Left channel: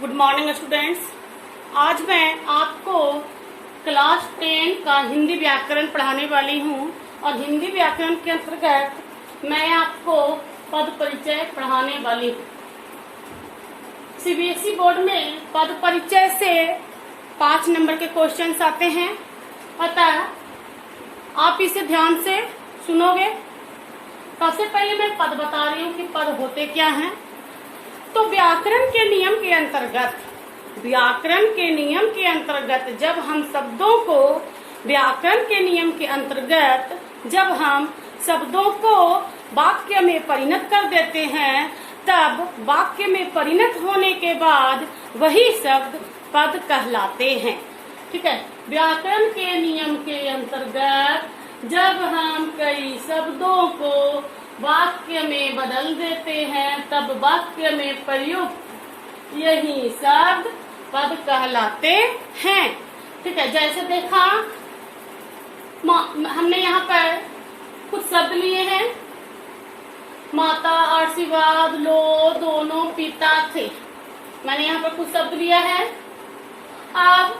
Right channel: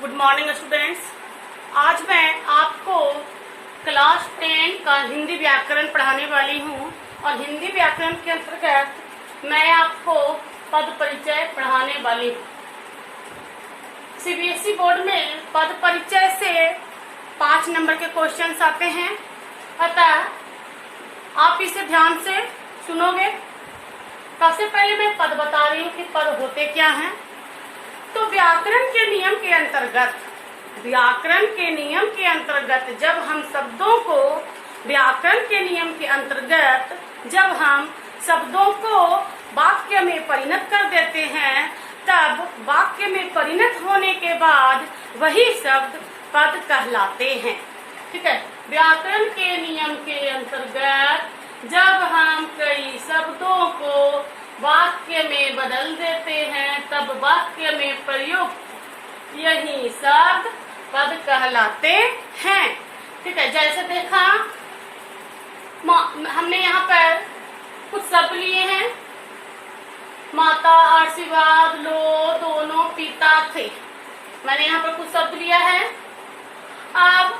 Good morning students. आज मैं आपको क्लास 10 का हिंदी व्याकरण पढ़ाने वाली हूँ और हिंदी व्याकरण के अंतर्गत मैं आपको पद परिचय पढ़ाने वाली हूँ। सीबीएसई बोर्ड में पद परिचय से 5 नंबर के क्वेश्चंस आते हैं, अतः आप इसे ध्यान से सुनोगे। सबसे पहले मैं पद बता रही हूँ कि पद होते क्या हैं। तो व्याकरण के नियम के अंतर्गत जब हम शब्दों को वाक्य में परिणत कर देते हैं, तब वाक्य में परिणत होने के बाद वही शब्द पद कहलाते हैं। ठीक है। व्याकरण के नियम के अंतर्गत जब हम कई शब्दों को वाक्य में बदल देते हैं, तब वाक्य में प्रयुक्त यही शब्द पद कहलाते हैं। ठीक है। जैसे देखा, हमने यहाँ पर कुछ शब्द लिए हैं। माता, आशीर्वाद, लो, दोनों, पिता, थे। मैंने यहाँ पर कुछ शब्द लिया है। अब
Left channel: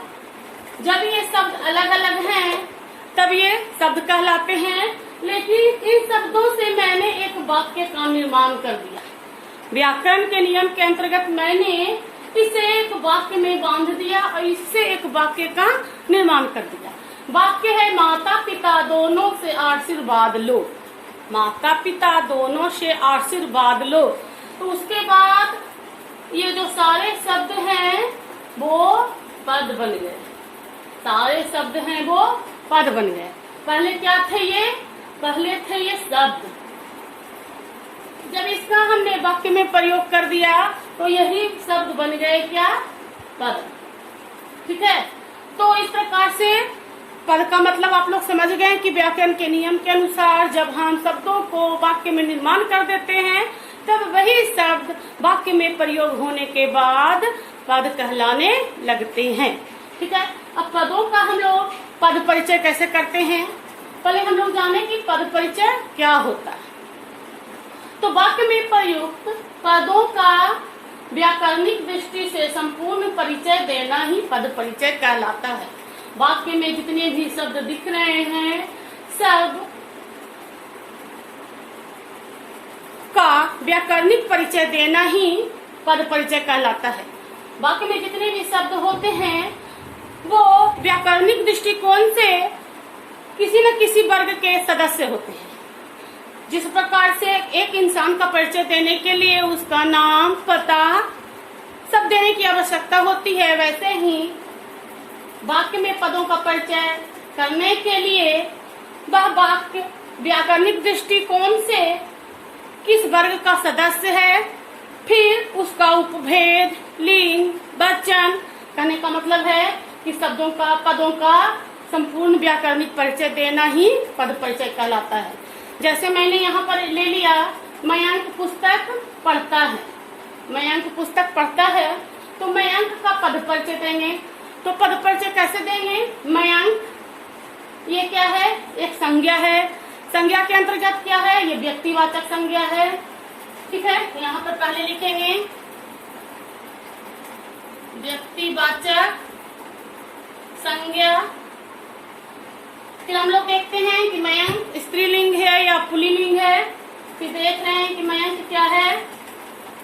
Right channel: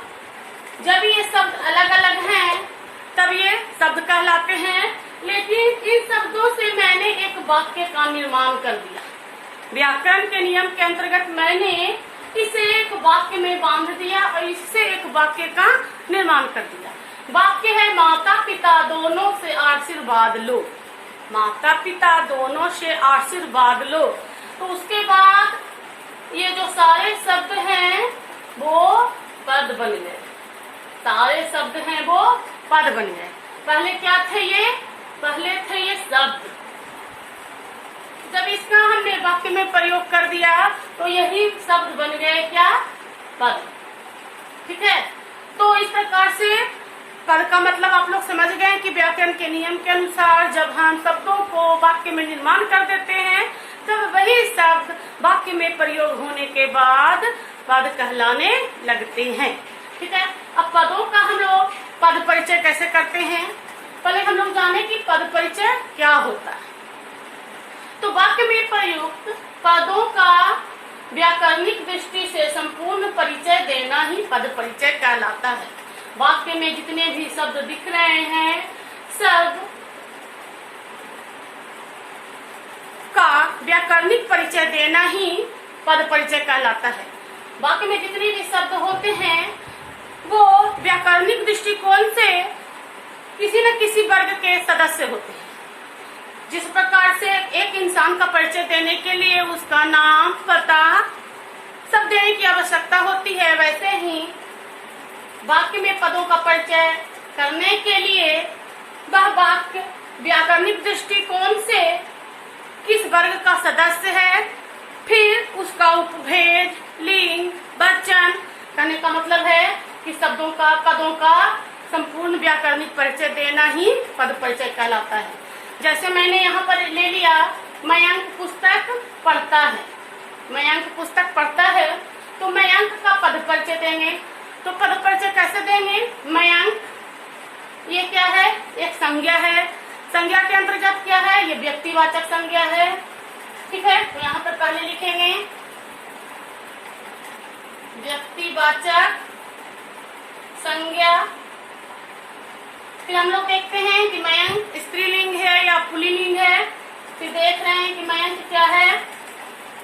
जब ये शब्द अलग अलग हैं, तब ये शब्द कहलाते हैं, लेकिन इन शब्दों से मैंने एक वाक्य का निर्माण कर दिया। व्याकरण के नियम के अंतर्गत मैंने इसे एक वाक्य में बांध दिया और इससे एक वाक्य का निर्माण कर दिया। वाक्य है माता पिता दोनों से आशीर्वाद लो। माता पिता दोनों से आशीर्वाद लो। तो उसके बाद ये जो सारे शब्द हैं वो पद बन गए। सारे शब्द हैं वो पद बन गए। पहले क्या थे ये? पहले थे ये शब्द। जब इसका हमने वाक्य में प्रयोग कर दिया तो यही शब्द बन गए क्या? पद। ठीक है। तो इस प्रकार से पद का मतलब आप लोग समझ गए कि व्याकरण के नियम के अनुसार जब हम शब्दों को वाक्य में निर्माण कर देते हैं, तब वही शब्द वाक्य में प्रयोग होने के बाद पद कहलाने लगते हैं। ठीक है। अब पदों का हम लोग पद परिचय कैसे करते हैं? पहले हम लोग जाने कि पद परिचय क्या होता है। तो वाक्य में प्रयुक्त पदों का व्याकरणिक दृष्टि से संपूर्ण परिचय देना ही पद परिचय कहलाता है। वाक्य में जितने भी शब्द दिख रहे हैं, सब का व्याकरणिक परिचय देना ही पद परिचय कहलाता है। वाक्य में जितने भी शब्द होते हैं वो व्याकरणिक दृष्टिकोण से किसी न किसी वर्ग के सदस्य होते हैं। जिस प्रकार से एक इंसान का परिचय देने के लिए उसका नाम, पता सब देने की आवश्यकता होती है, वैसे ही वाक्य में पदों का परिचय करने के लिए वह वाक्य व्याकरणिक दृष्टिकोण से किस वर्ग का सदस्य है, फिर उसका उपभेद, लिंग, वचन, कहने का मतलब है कि शब्दों का, पदों का संपूर्ण व्याकरणिक परिचय देना ही पद परिचय कहलाता है। जैसे मैंने यहाँ पर ले लिया, मयंक पुस्तक पढ़ता है। मयंक पुस्तक पढ़ता है तो मयंक का पद परिचय देंगे। तो पद परिचय कैसे देंगे? मयंक ये क्या है? एक संज्ञा है। संज्ञा के अंतर्गत क्या है? ये व्यक्तिवाचक संज्ञा है। ठीक है। तो यहाँ पर पहले लिखेंगे व्यक्तिवाचक संज्ञा। फिर हम लोग देखते हैं कि मयंक स्त्रीलिंग है या पुल्लिंग है। फिर देख रहे हैं कि मयंक क्या है?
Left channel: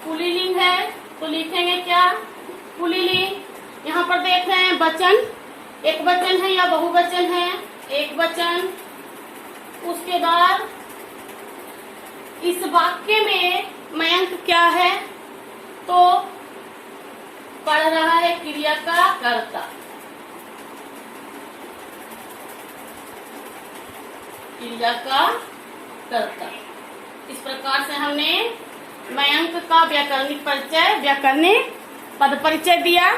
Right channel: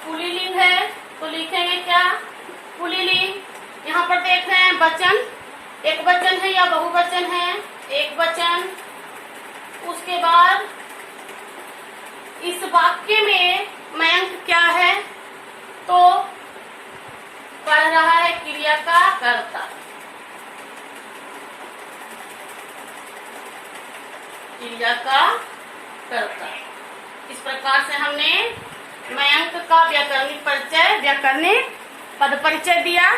पुल्लिंग है, तो लिखेंगे क्या? पुल्लिंग। यहाँ पर देख रहे हैं वचन, एक वचन है या बहुवचन है? एक वचन। उसके बाद इस वाक्य में मयंक क्या है? तो पढ़ रहा है क्रिया का कर्ता। क्रिया का कर्ता। इस प्रकार से हमने मयंक का व्याकरणिक परिचय, व्याकरणिक पद परिचय दिया।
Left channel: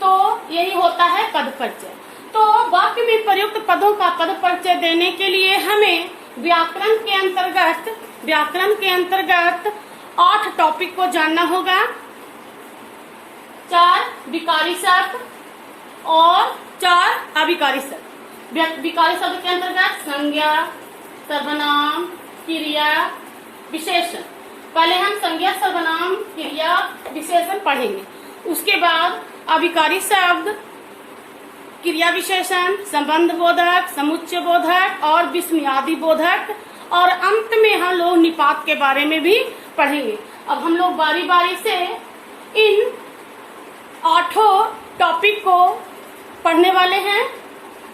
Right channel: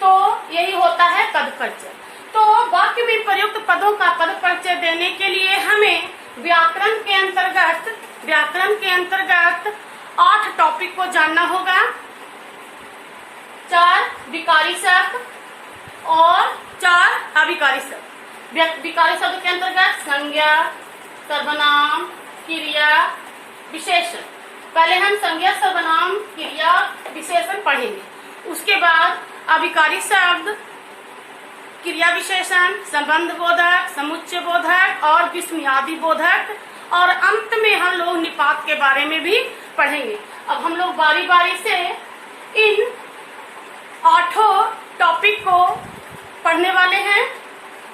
तो यही होता है पद परिचय। तो वाक्य में प्रयुक्त पदों का पद परिचय देने के लिए हमें व्याकरण के अंतर्गत 8 टॉपिक को जानना होगा। 4 विकारी शब्द और 4 अविकारी शब्द। विकारी शब्द के अंतर्गत संज्ञा, सर्वनाम, क्रिया, विशेषण। पहले हम संज्ञा, सर्वनाम, क्रिया, विशेषण पढ़ेंगे। उसके बाद अभिकारी शब्द, क्रिया विशेषण, संबंध बोधक, समुच्चय बोधक और विस्मयादि बोधक, और अंत में हम लोग निपात के बारे में भी पढ़ेंगे। अब हम लोग बारी बारी से इन 8 टॉपिक को पढ़ने वाले हैं।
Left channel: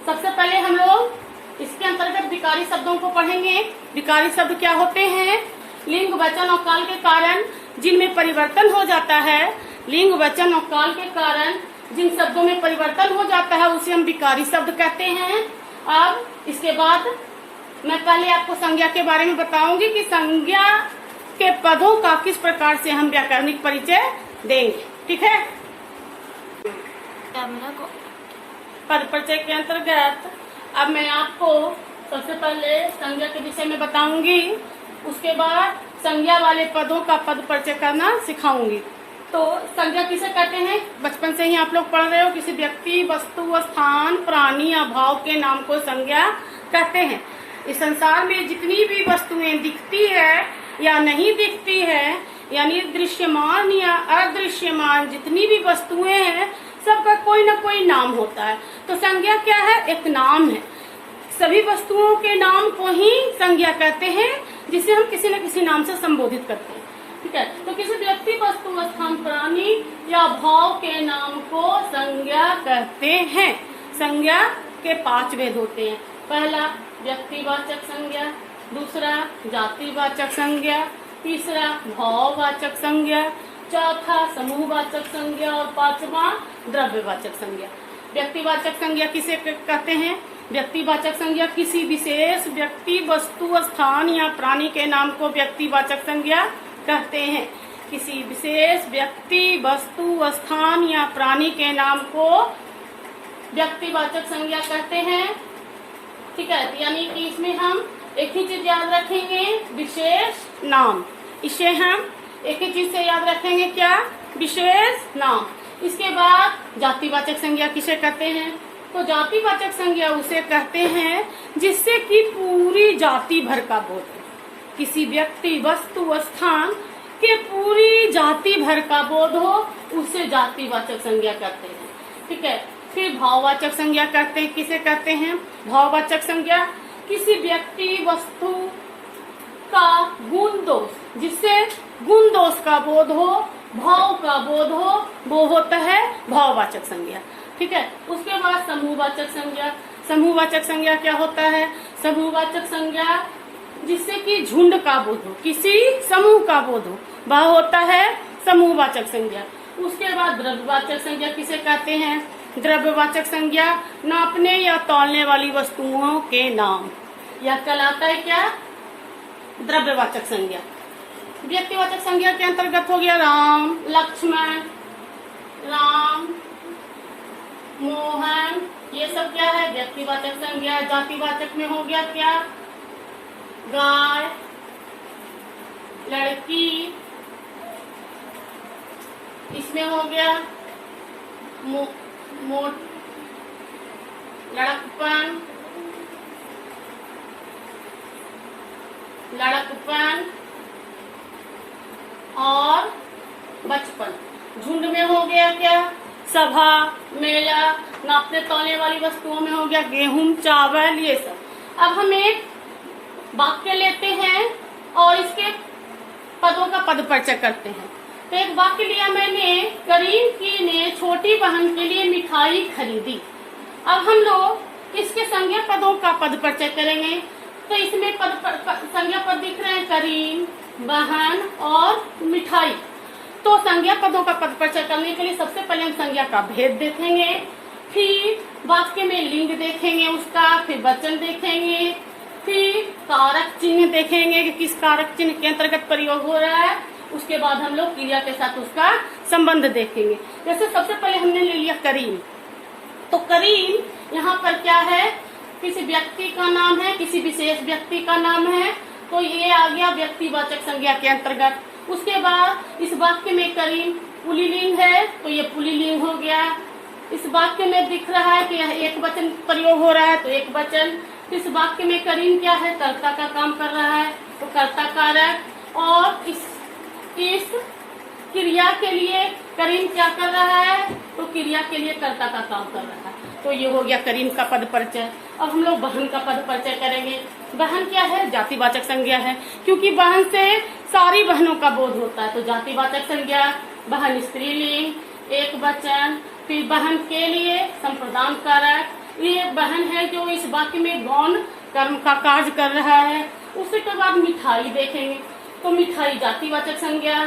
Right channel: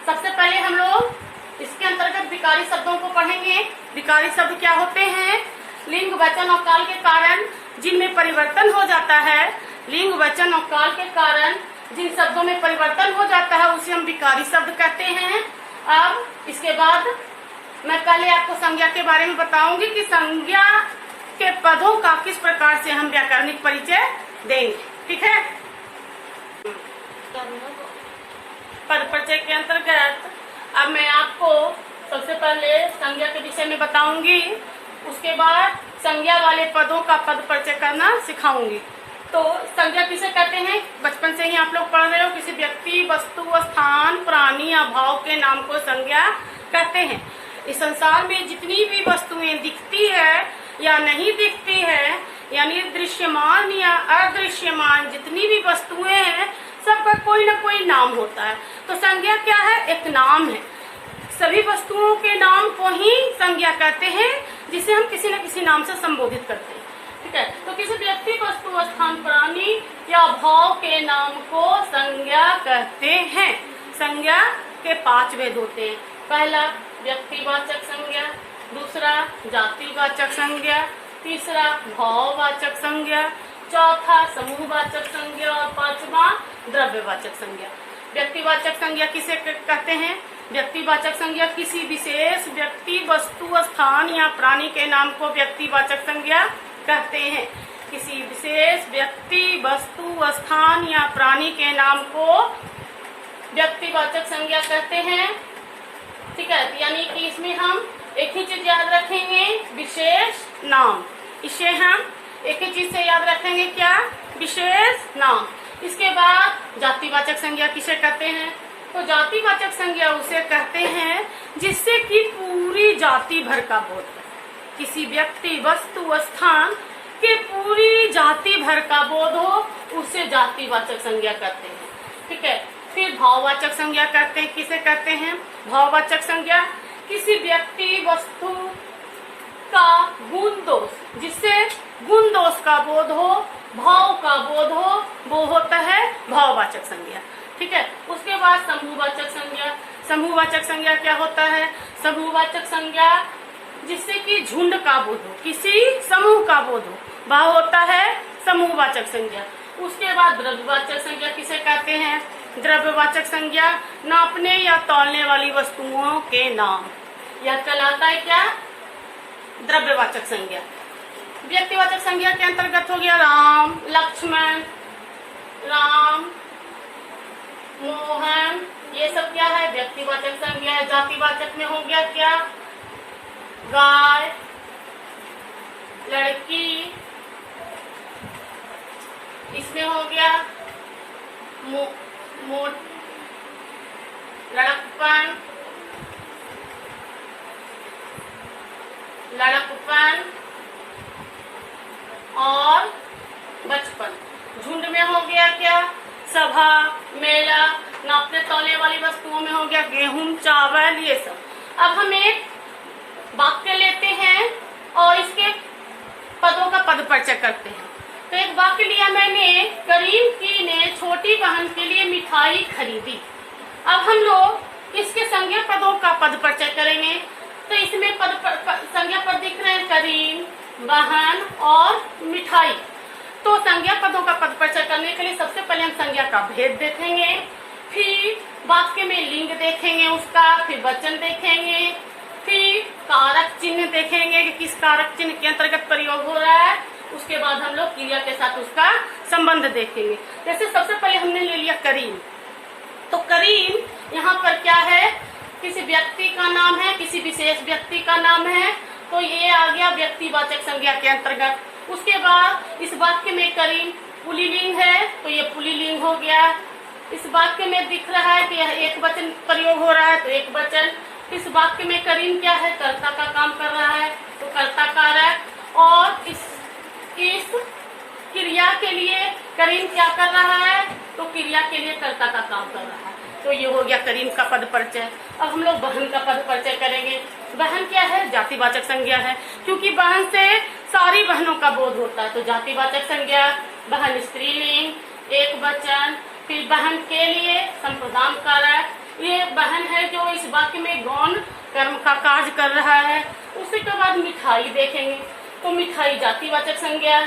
सबसे पहले हम लोग इसके अंतर्गत विकारी शब्दों को पढ़ेंगे। विकारी शब्द क्या होते हैं? लिंग, वचन और काल के कारण जिनमें परिवर्तन हो जाता है, लिंग, वचन और काल के कारण जिन शब्दों में परिवर्तन हो जाता है उसे हम विकारी शब्द कहते हैं। अब इसके बाद मैं पहले आपको संज्ञा के बारे में बताऊंगी कि संज्ञा के पदों का किस प्रकार से हम व्याकरणिक परिचय देंगे। ठीक है। पद परिचय के अंतर्गत अब मैं आपको सबसे पहले संज्ञा के विषय में बताऊंगी, उसके बाद संज्ञा वाले पदों का पद परिचय करना सिखाऊंगी। तो संज्ञा किसे कहते हैं? बचपन से ही आप लोग पढ़ रहे हो, किसी व्यक्ति, वस्तु, स्थान, प्राणी या भाव के नाम को संज्ञा कहते हैं। इस संसार में जितनी भी वस्तुएं दिखती है या नहीं दिखती है, यानी दृश्यमान या अदृश्यमान जितनी भी वस्तुएं हैं, सबका कोई न कोई नाम होता है। तो संज्ञा क्या है? एक नाम है। सभी वस्तुओं के नाम को ही संज्ञा कहते हैं, जिसे हम किसी न किसी नाम से संबोधित करते हैं। ठीक है। तो किसी व्यक्ति, वस्तु, स्थान, प्राणी या भाव के नाम को संज्ञा कहते हैं। संज्ञा के 5 भेद होते हैं। पहला व्यक्तिवाचक संज्ञा, दूसरा जातिवाचक संज्ञा, तीसरा भाववाचक संज्ञा, चौथा समूहवाचक संज्ञा और 5वां द्रव्यवाचक संज्ञा। व्यक्तिवाचक संज्ञा किसे कहते हैं? व्यक्तिवाचक संज्ञा किसी विशेष व्यक्ति, वस्तु, स्थान या प्राणी के नाम को व्यक्तिवाचक संज्ञा कहते हैं। किसी विशेष व्यक्ति, वस्तु, स्थान या प्राणी के नाम को व्यक्तिवाचक संज्ञा कहते हैं। ठीक है। यानी कि इसमें हम एक ही चीज याद रखेंगे, विशेष नाम। इसे हम एक ही चीज से याद रखेंगे, क्या? विशेष नाम। इसके बाद जातिवाचक संज्ञा किसे कहते हैं? तो जातिवाचक संज्ञा उसे कहते हैं जिससे कि पूरी जाति भर का बोध है। किसी व्यक्ति, वस्तु, स्थान के पूरी जाति भर का बोध हो, उसे जातिवाचक संज्ञा कहते हैं। ठीक है। फिर भाववाचक संज्ञा कहते हैं। किसे कहते हैं? भाववाचक संज्ञा किसी व्यक्ति, वस्तु का गुण दोष, जिससे गुण दोष का बोध हो, भाव का बोध हो, वो होता है भाववाचक संज्ञा। ठीक है। उसके बाद समूहवाचक संज्ञा। समूहवाचक संज्ञा क्या होता है? समूहवाचक संज्ञा जिससे कि झुंड का बोध हो, किसी समूह का बोध हो, वह होता है समूहवाचक संज्ञा। उसके बाद द्रव्यवाचक संज्ञा किसे कहते हैं? द्रव्यवाचक संज्ञा नापने या तौलने वाली वस्तुओं के नाम, यह कहलाता है क्या? द्रव्यवाचक संज्ञा। व्यक्तिवाचक संज्ञा के अंतर्गत हो गया राम, लक्ष्मण, राम, मोहन, ये सब क्या है? व्यक्तिवाचक संज्ञा है। जातिवाचक में हो गया क्या? गाय, लड़की, इसमें हो गया लड़कपन, और बचपन। झुंड में हो गया क्या? सभा, मेला, नापने तौलने वाली वस्तुओं में हो गया गेहूं, चावल, ये सब। अब हम एक वाक्य लेते हैं और इसके पदों का पद परिचय करते हैं। तो एक वाक्य लिया मैंने, करीम की ने छोटी बहन के लिए मिठाई खरीदी। अब हम लोग इसके संज्ञा पदों का पद परिचय करेंगे। तो इसमें संज्ञा पद दिख रहे हैं, करीम, बहन और मिठाई। तो संज्ञा पदों का पद परिचय करने के लिए सबसे पहले हम संज्ञा का भेद देखेंगे, फिर वाक्य में लिंग देखेंगे उसका, फिर वचन देखेंगे, फिर कारक चिन्ह देखेंगे कि किस कारक चिन्ह के अंतर्गत प्रयोग हो रहा है। उसके बाद हम लोग क्रिया के साथ उसका संबंध देखेंगे। जैसे सबसे पहले हमने ले लिया करीम। तो करीम यहाँ पर क्या है? किसी व्यक्ति का नाम है, किसी विशेष व्यक्ति का नाम है। तो ये आ गया व्यक्तिवाचक संज्ञा के अंतर्गत। उसके बाद इस वाक्य में करीम पुल्लिंग है, तो ये पुल्लिंग हो गया। इस वाक्य में दिख रहा है कि यह एक वचन प्रयोग हो रहा है, तो एक वचन। इस वाक्य में करीम क्या है? कर्ता का काम कर रहा है, तो कर्ता कारक। और इस क्रिया के लिए करीन क्या कर रहा है, तो क्रिया के लिए कर्ता का काम कर रहा है। तो ये हो गया करीन का पद परिचय। अब हम लोग बहन का पद परिचय करेंगे। बहन क्या है, जातिवाचक संज्ञा है, क्योंकि बहन से सारी बहनों का बोध होता है। तो जातिवाचक संज्ञा, बहन स्त्रीलिंग, एक वचन, फिर बहन के लिए संप्रदान कारक। ये बहन है जो इस वाक्य में गौण कर्म का कार्य कर रहा है। उसी के बाद मिठाई देखेंगे। तो मिठाई जातिवाचक संज्ञा,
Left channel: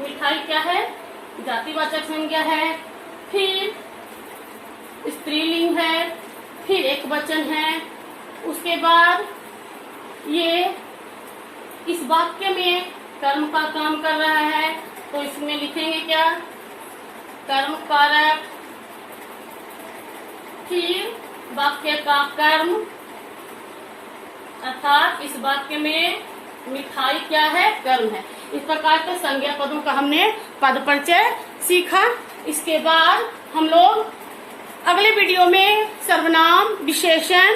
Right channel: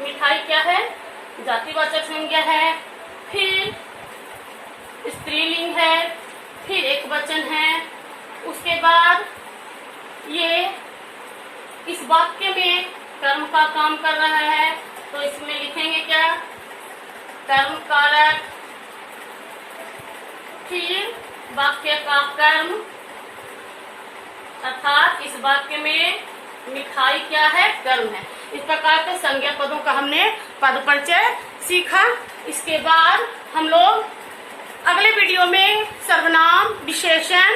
मिठाई क्या है, जातिवाचक संज्ञा है, फिर स्त्रीलिंग है, फिर एक वचन है। उसके बाद ये इस वाक्य में कर्म का काम कर रहा है, तो इसमें लिखेंगे क्या, कर्म कारक, फिर वाक्य का कर्म, अर्थात इस वाक्य में मिठाई क्या है, कर्म है। इस प्रकार के संज्ञा पदों का हमने पद परिचय सीखा। इसके बाद हम लोग अगले वीडियो में सर्वनाम विशेषण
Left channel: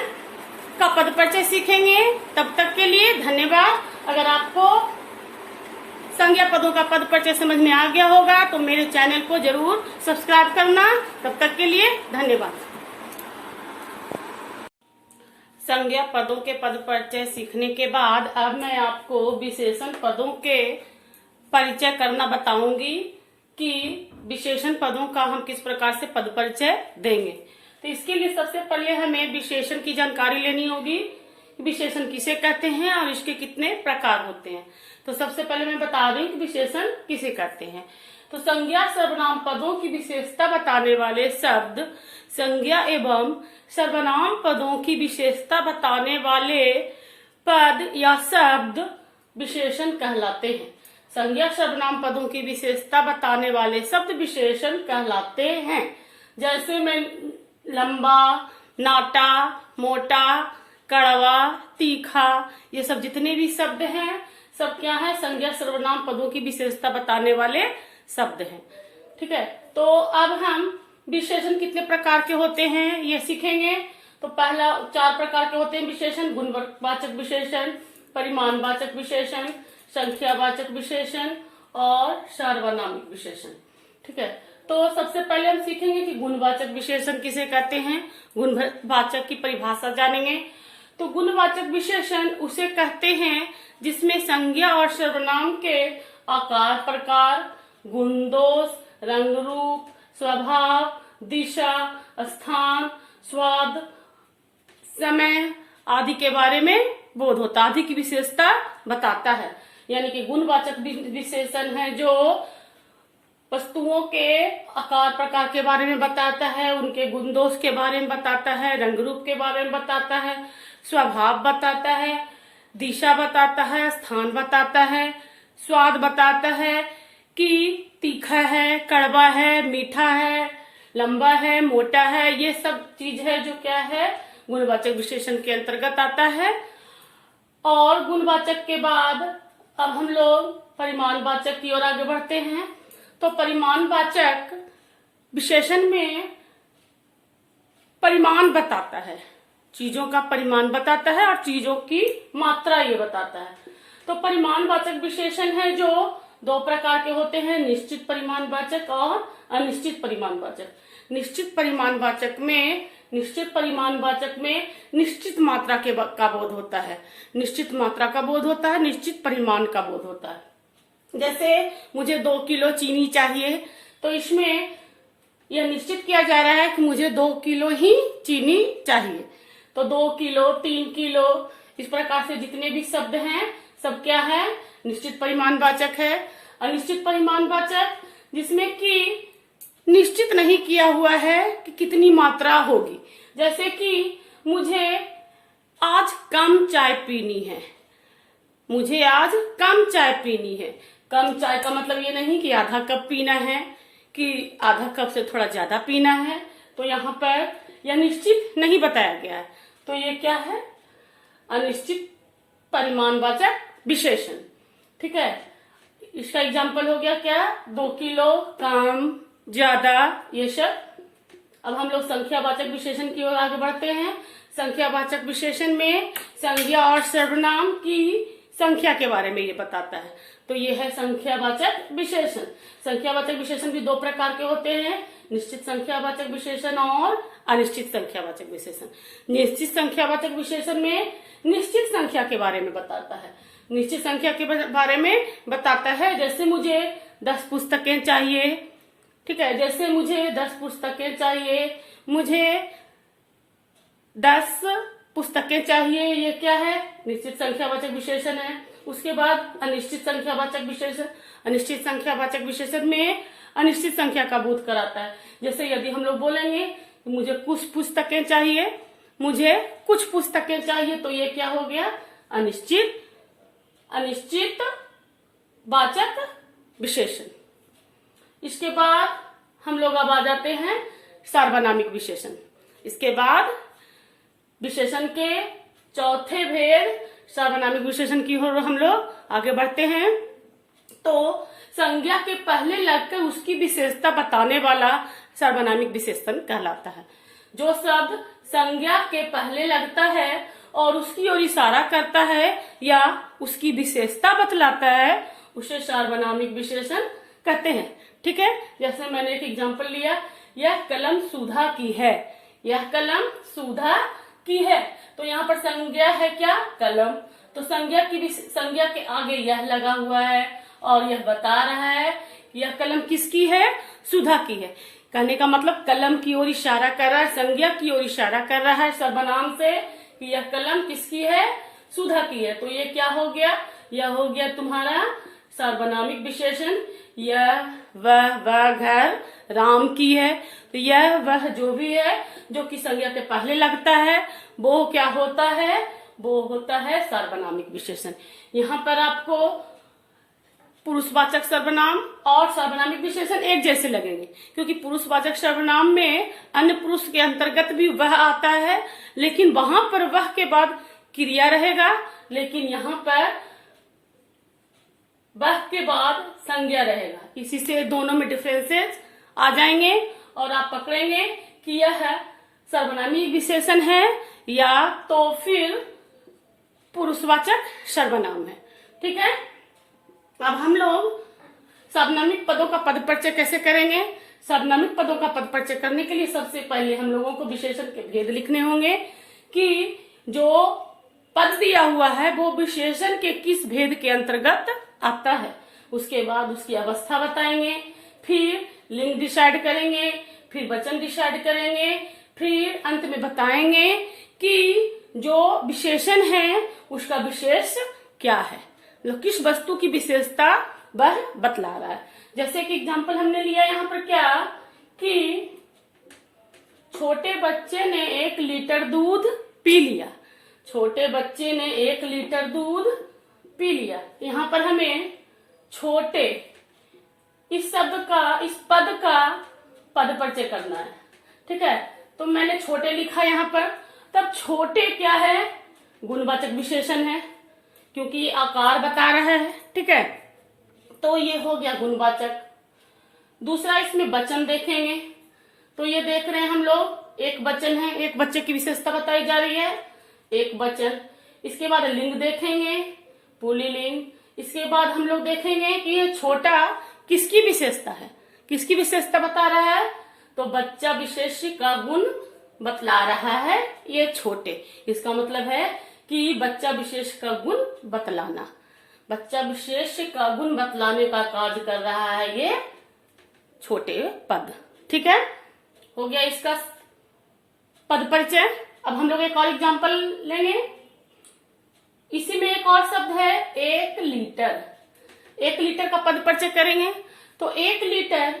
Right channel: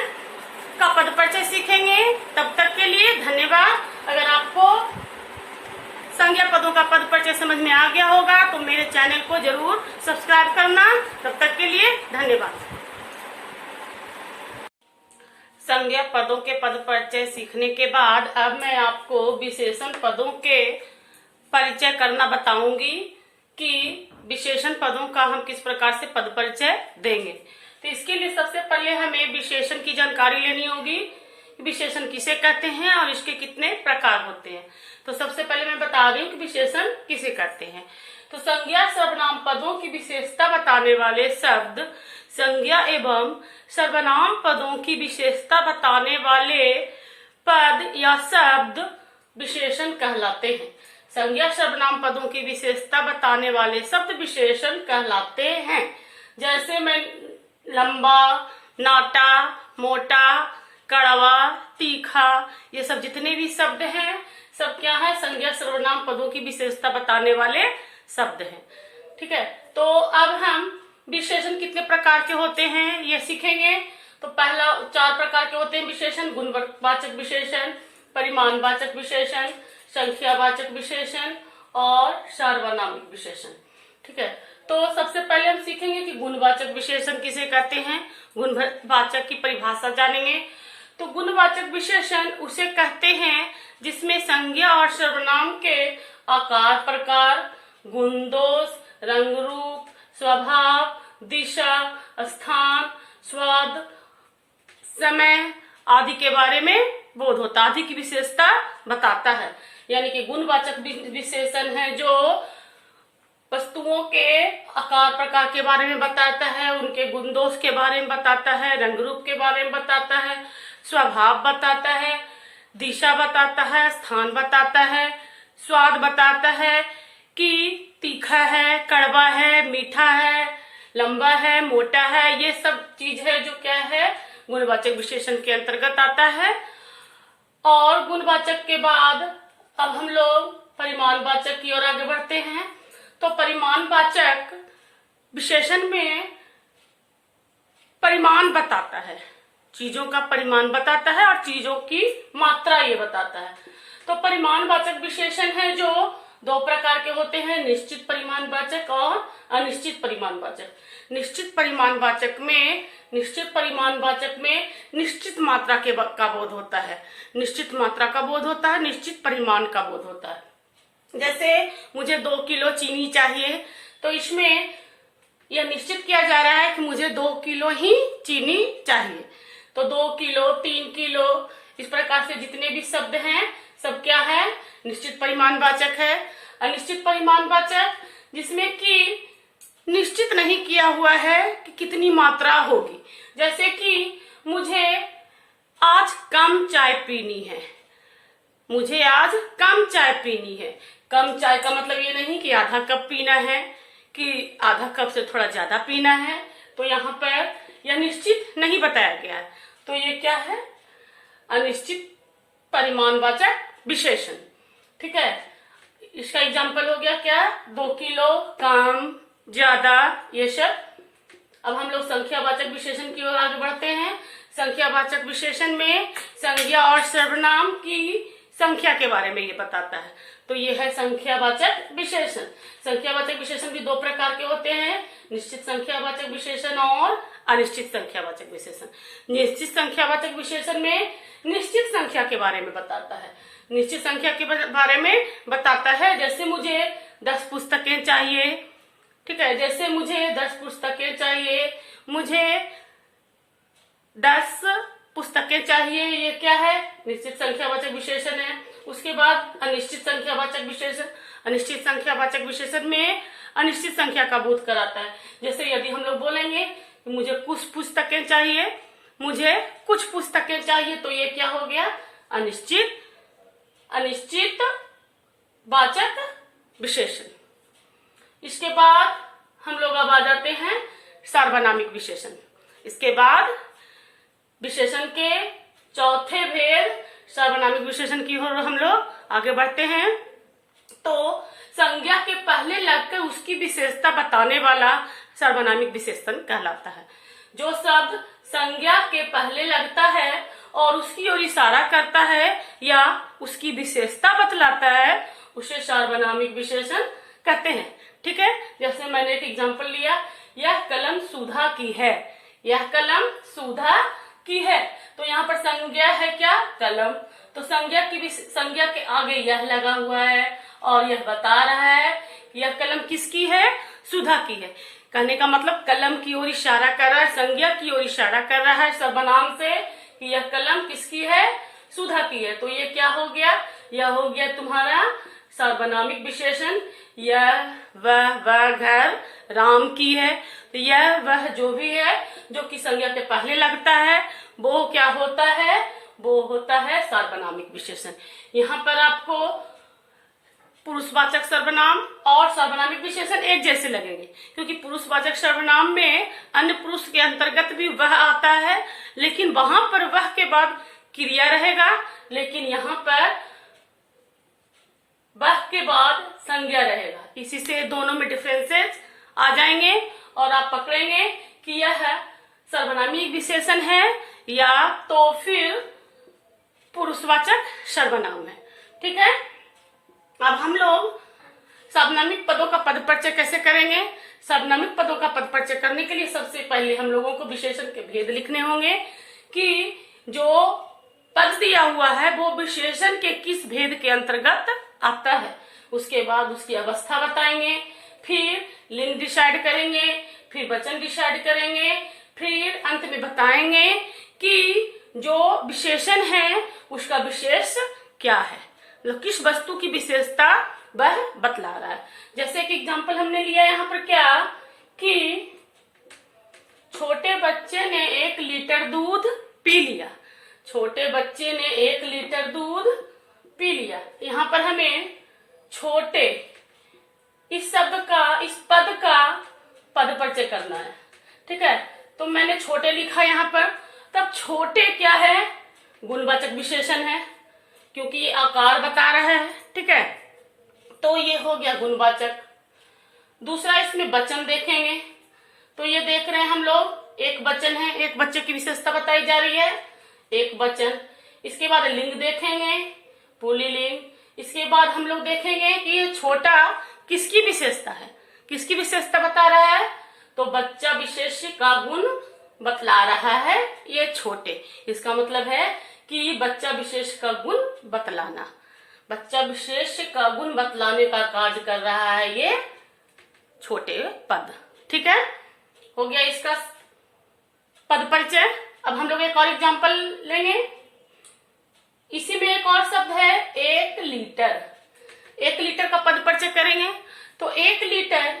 का पद परिचय सीखेंगे। तब तक के लिए धन्यवाद। अगर आपको संज्ञा पदों का पद परिचय समझ में आ गया होगा तो मेरे चैनल को जरूर सब्सक्राइब करना। तब तक के लिए धन्यवाद। संज्ञा पदों के पद परिचय सीखने के बाद अब मैं आपको विशेषण पदों के परिचय करना बताऊंगी कि विशेषण पदों का हम किस प्रकार से पद परिचय देंगे। तो इसके लिए सबसे पहले हमें विशेषण की जानकारी लेनी होगी। विशेषण किसे कहते हैं और इसके कितने प्रकार होते हैं। तो सबसे पहले मैं बता रही हूँ कि विशेषण किसे कहते हैं। तो संज्ञा सर्वनाम पदों की विशेषता बताने वाले शब्द संज्ञा एवं सर्वनाम पदों की विशेषता बताने वाले पद या शब्द विशेषण कहलाते हैं। संज्ञा सर्वनाम पदों की विशेषता बताने वाले शब्द विशेषण कहलाते हैं। जैसे मैं लंबा, नाटा, मोटा, कड़वा, तीखा, ये सब जितने भी शब्द हैं सब क्या है, संज्ञा सर्वनाम पदों की विशेषता बताने वाले शब्द हैं। ठीक है, तो अब हम विशेषण कितने प्रकार के होते हैं ये सीखेंगे। तो पहला 4 प्रकार के होते हैं विशेषण: गुणवाचक विशेषण, परिमाणवाचक विशेषण, संख्यावाचक विशेषण और सार्वनामिक विशेषण। ठीक है, तो सबसे पहले हम सीखेंगे कि गुणवाचक विशेषण किसे कहते हैं। गुणवाचक की परिभाषा जानेंगे। तो गुणवाचक विशेषण उसे कहते हैं जिसमें संज्ञा और सर्वनाम के आकार, प्रकार, गुण दोष, रंग रूप, स्वभाव, दिशा, स्थान, स्वाद, समय आदि के बारे में बोध होता, आदि की विशेषता बताता है। यानी कि गुणवाचक विशेषण है जो वस्तुओं के आकार प्रकार के बारे में बताता है, उनके गुण दोष के बारे में बताता है, रंग रूप के बारे में बताता है, स्वभाव बताता है, दिशा बताता है, स्थान बताता है, स्वाद बताता है कि तीखा है, कड़वा है, मीठा है, लंबा है, मोटा है। ये सब चीज है जो क्या है, गुणवाचक विशेषण के अंतर्गत आता है। और गुणवाचक के बाद अब हम लोग परिमाणवाचक की ओर आगे बढ़ते हैं। तो परिमाणवाचक विशेषण में परिमाण बताता है, चीजों का परिमाण बताता है और चीजों की मात्रा ये बताता है। तो परिमाणवाचक विशेषण है जो 2 प्रकार के होते हैं: निश्चित परिमाणवाचक और अनिश्चित परिमाणवाचक। निश्चित परिमाणवाचक में निश्चित मात्रा का बोध होता है, निश्चित मात्रा का बोध होता है, निश्चित परिमाण का बोध होता है। जैसे मुझे 2 किलो चीनी चाहिए, तो इसमें यह निश्चित किया जा रहा है कि मुझे 2 किलो ही चीनी चाहिए। तो 2 किलो, 3 किलो, इस प्रकार से जितने भी शब्द हैं सब क्या है, निश्चित परिमाणवाचक है। अनिश्चित परिमाणवाचक जिसमें कि निश्चित नहीं किया हुआ है कि कितनी मात्रा होगी। जैसे कि मुझे आज कम चाय पीनी है, मुझे आज कम चाय पीनी है। कम चाय का मतलब ये नहीं कि आधा कप पीना है कि आधा कप से थोड़ा ज्यादा पीना है। तो यहाँ पर यह निश्चित नहीं बताया गया है। तो ये क्या है, अनिश्चित परिमाणवाचक विशेषण। ठीक है, इसका एग्जाम्पल हो गया क्या, 2 किलो, कम, ज्यादा, ये सब। अब हम लोग संख्यावाचक विशेषण की ओर आगे बढ़ते हैं। संख्यावाचक विशेषण में संज्ञा और सर्वनाम की संख्या के बारे में ये बताता है। तो ये है संख्यावाचक विशेषण। संख्यावाचक विशेषण भी दो प्रकार के होते हैं, निश्चित संख्यावाचक विशेषण और अनिश्चित संख्यावाचक विशेषण। निश्चित संख्यावाचक विशेषण में निश्चित संख्या के बारे में बताता है, निश्चित संख्या के बारे में बताता है। जैसे मुझे 10 पुस्तकें चाहिए, ठीक है, जैसे मुझे 10 पुस्तकें चाहिए, मुझे 10 पुस्तकें चाहिए, ये क्या है, निश्चित संख्यावाचक विशेषण है। उसके बाद अनिश्चित संख्यावाचक विशेषण। अनिश्चित संख्यावाचक विशेषण में अनिश्चित संख्या का बोध कराता है। जैसे यदि हम लोग बोलेंगे कि मुझे कुछ पुस्तकें चाहिए, मुझे कुछ पुस्तकें चाहिए, तो ये क्या हो गया, अनिश्चित वाचक विशेषण। इसके बाद हम लोग अब आ जाते हैं सार्वनामिक विशेषण। इसके बाद विशेषण के चौथे भेद सार्वनामिक विशेषण की ओर हम लोग आगे बढ़ते हैं। तो संज्ञा के पहले लगकर उसकी विशेषता बताने वाला सार्वनामिक विशेषण कहलाता है। जो शब्द संज्ञा के पहले लगता है और उसकी ओर इशारा करता है या उसकी विशेषता बतलाता है, उसे सार्वनामिक विशेषण कहते हैं। ठीक है, जैसे मैंने एक एग्जांपल लिया, यह कलम सुधा की है, यह कलम सुधा की है, तो यहाँ पर संज्ञा है क्या, कलम। तो संज्ञा के आगे यह लगा हुआ है और यह बता रहा है कि यह कलम किसकी है, सुधा की है। कहने का मतलब कलम की ओर इशारा कर रहा है, संज्ञा की ओर इशारा कर रहा है सर्वनाम से कि यह कलम किसकी है, सुधा की है। तो ये क्या हो गया, यह हो गया तुम्हारा सार्वनामिक विशेषण। यह वह घर राम की है, तो यह वह जो भी है जो कि संज्ञा के पहले लगता है वो क्या होता है, वो होता है सार्वनामिक विशेषण। यहाँ पर आपको पुरुषवाचक सर्वनाम और सार्वनामिक विशेषण एक जैसे लगेंगे, क्योंकि पुरुषवाचक सर्वनाम में अन्य पुरुष के अंतर्गत भी वह आता है, लेकिन वहां पर वह के बाद क्रिया रहेगा, लेकिन यहाँ पर वह के बाद संज्ञा रहेगा। इसी से दोनों में डिफरेंसेस आ जाएंगे और आप पकड़ेंगे कि यह सर्वनामिक विशेषण है या तो फिर पुरुषवाचक सर्वनाम है। ठीक है, अब हम लोग सार्वनामिक पदों का पद परिचय कैसे करेंगे। सार्वनामिक पदों का पद परिचय करने के लिए सबसे पहले हम लोगों को विशेषण के भेद लिखने होंगे कि जो पद दिया हुआ है वो विशेषण के किस भेद के अंतर्गत आता है। उसके बाद उसकी अवस्था बताएंगे, फिर लिंग डिसाइड करेंगे, फिर वचन डिसाइड करेंगे, फिर अंत में बताएंगे कि जो विशेषण है उसका विशेष क्या है, मतलब किस वस्तु की विशेषता वह बतला रहा है। जैसे कि एग्जांपल हमने लिया यहाँ पर क्या कि छोटे बच्चे ने 1 लीटर दूध पी लिया, छोटे बच्चे ने 1 लीटर दूध पी लिया। यहाँ पर हमें छोटे इस शब्द का, इस पद का पद परिचय करना है। ठीक है, तो मैंने छोटे लिखा यहाँ पर, तब छोटे क्या है, गुणवाचक विशेषण है, क्योंकि ये आकार बता रहा है। ठीक है, तो ये हो गया गुणवाचक। दूसरा इसमें वचन देखेंगे, तो ये देख रहे हैं हम लोग एक वचन है, एक बच्चे की विशेषता बताई जा रही है, एक वचन। इसके बाद लिंग देखेंगे, पुल्लिंग। इसके बाद हम लोग देखेंगे कि ये छोटा किसकी विशेषता है, किसकी विशेषता बता रहा है, तो बच्चा विशेष का गुण बतला रहा है ये छोटे। इसका मतलब है कि बच्चा विशेष का गुण बतलाना, बच्चा विशेष का गुण बतलाने का कार्य कर रहा है ये छोटे पद। ठीक है, हो गया इसका पद परिचय। अब हम लोग एक और एग्जांपल लेंगे, इसी में एक और शब्द है 1 लीटर। 1 लीटर का पद परिचय करेंगे, तो 1 लीटर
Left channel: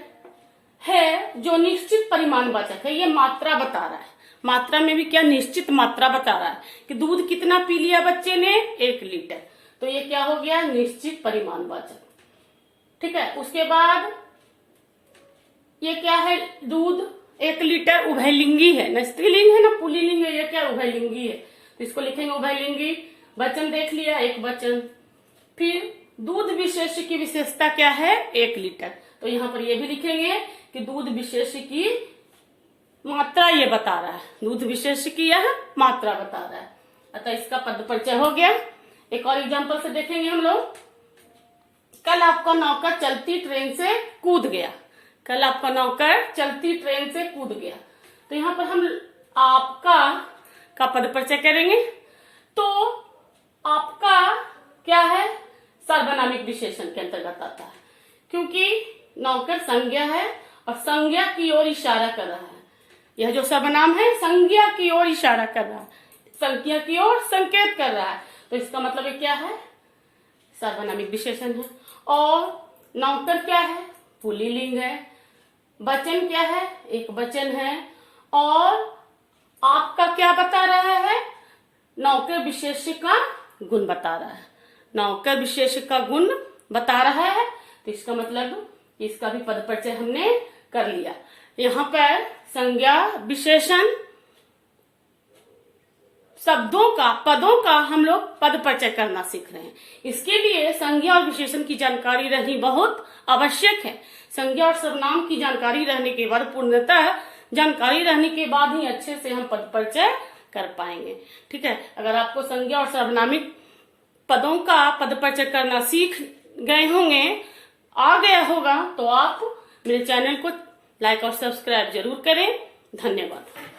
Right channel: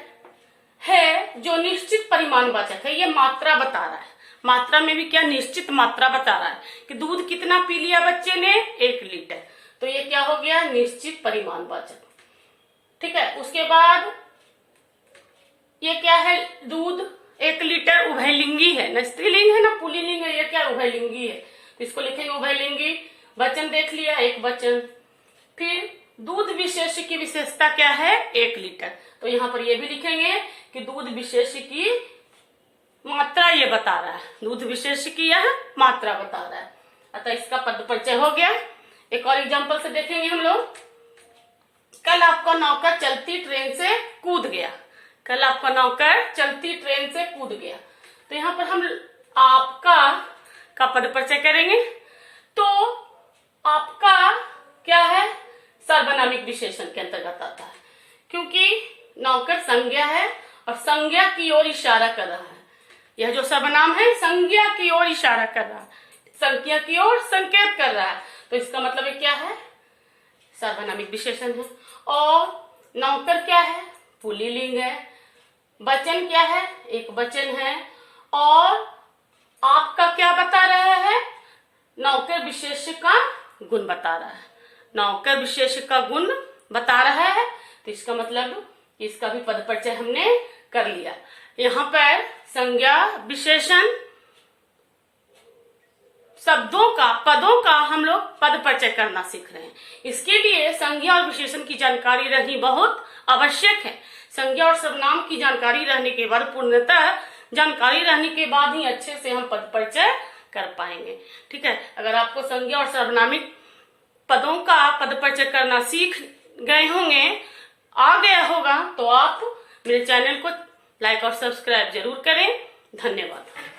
है जो निश्चित परिमाणवाचक है, ये मात्रा बता रहा है। मात्रा में भी क्या, निश्चित मात्रा बता रहा है कि दूध कितना पी लिया बच्चे ने, 1 लीटर, तो ये क्या हो गया, निश्चित परिमाणवाचक। ठीक है, उसके बाद ये क्या है, दूध 1 लीटर उभयलिंगी है, न स्त्रीलिंग है न पुल्लिंग है, ये क्या उभयलिंगी है, तो इसको लिखेंगे उभयलिंगी। वचन देख लिया, एक वचन। फिर दूध विशेष की विशेषता क्या है, 1 लीटर, तो यहाँ पर ये भी लिखेंगे कि दूध विशेष की मात्रा ये बता रहा है, दूध विशेष की यह मात्रा बता रहा है, अतः इसका पद परिचय हो गया। एक और एग्जांपल से देखेंगे हम लोग, कल आपका नौकर चलती ट्रेन से कूद गया। कल आपका नौकर चलती ट्रेन से कूद गया। तो यहाँ पर हम आपका का पद परिचय करेंगे। तो आपका क्या है, सर्वनामिक विशेषण के अंतर्गत आता है, क्योंकि नौकर संज्ञा है और संज्ञा की ओर इशारा कर रहा है। यह जो सर्वनाम है संज्ञा की ओर इशारा कर रहा है, संज्ञा की ओर संकेत कर रहा है। तो इसका मतलब ये क्या है, सर्वनामिक विशेषण है। और नौकर क्या है, पुल्लिंग है। वचन क्या है, एक वचन है। और आपका क्या बता रहा है, नौकर विशेष का गुण बता रहा है। नौकर विशेष का गुण बता रहा है, तो इसका मतलब इसका भी पद परिचय हमने कर लिया। यहाँ पर संज्ञा विशेषण शब्दों का, पदों का हम लोग पद परिचय करना सीख रहे हैं। इसके लिए संज्ञा और विशेषण की जानकारी रहनी बहुत आवश्यक है। संज्ञा और सर्वनाम की जानकारी रहने के बाद, पूर्णतः जानकारी रहने के बाद ही अच्छे से हम पद परिचय कर पाएंगे। ठीक है, अगर आपको संज्ञा और सर्वनामिक पदों का पद परिचय करना सीख गए होंगे, आ गया होगा, तो आप मेरे चैनल को लाइक और सब्सक्राइब जरूर करें। धन्यवाद।